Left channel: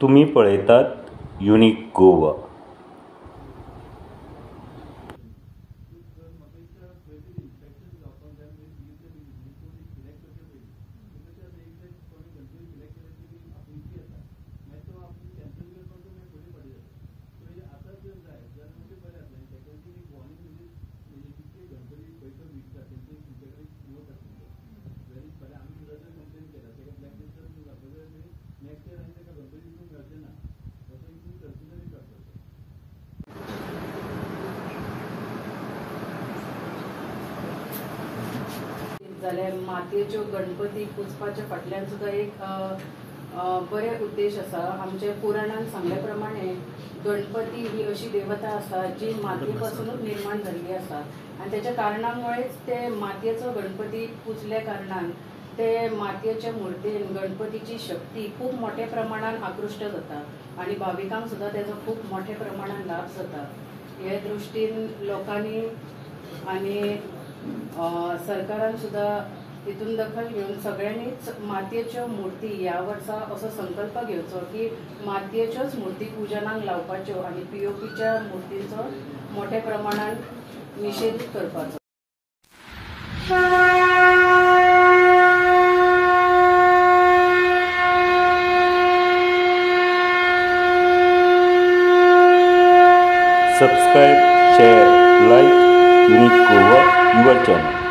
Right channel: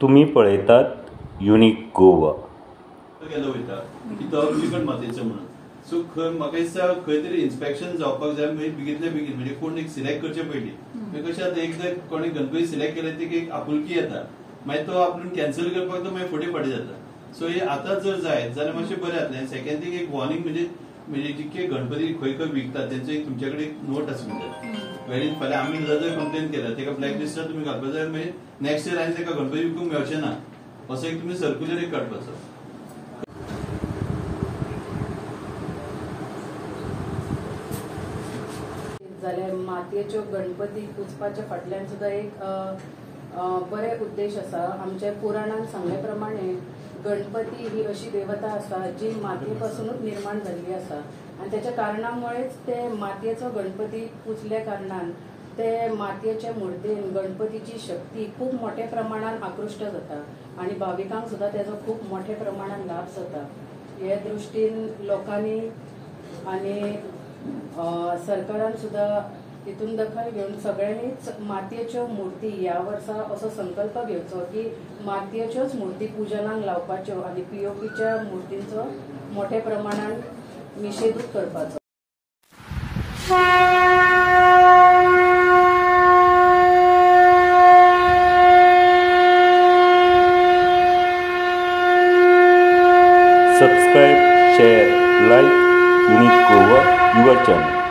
तुम्ही पळयतात युनिक गोवा. केलो वयता की तो बिकट मातयेचो म्हणून सो म्हाका दिसता खंय तरी इन्स्पेक्शन जावपाक जाय बेगींतल्या बेगीन म्हणजे कोण एक सिलेक्ट करचे पयलीं कशें आतां एकदां कोणी गणपती सिलेक्ट केले ती एक आपुलकी येता मागीर तो आपूण कॅन्सल करपाक तो मागीर फुडें फाटीं जाता. सो हे आतां जर जायत जाल्यार मातशें बरें जातलें. सेकंड थींग एक वॉर्निंग म्हणजे जितके गणपती खंय खंय विकतात तेंचो एक तुमचे कडेन एक नोट आसूंक जाय. वेळीन फाल्यां आमी जर कंप्लेन केल्या तेका ब्लॅक लिस्टार तुमी घालपाक जाय मागीर नेक्स्ट इयर आनी तेका गणपती विकूंक मेळचें ना असो एक तुमी सर्क्युलर एक काडपाचो. जाल्यार मातयेच्यो गणपती पुजपाच्या फाटल्यान सुद्दां एक बरे उद्देश आसा. आमच्या पुराणान सांगल्या प्रमाणे गणपती ही अशी देवता आसा जी मातये पासूनच निर्माण जाल्ली आसा आणि त्याच्या कारणामुळेच ते मातयेचो गणपती पुजल्या कारणान ते मातयेच्या मुर्तेन गणपतीची शक्ती खूप मोठ्या प्रमाणात आकृष्ट जाता आणि भाविकांक सुद्धा त्याचो खूप मोठ्या प्रमाणात लाभ जाता. हे दृष्टीन लोकांनी आणि सरकारान सुद्धा तितून दखल घेऊन सगळ्यांनीच मातयेच्यो मूर्ती ह्या वर्सा असो संकल्प घेवचो की मातयेच्योच मूर्ती पुजनाक लावपाच्यो आणि पीओपीच्या मूर्तींचो मोठ्या प्रमाणात निषेध करपाचो. Subscribe, share, like Unique Goa, your channel.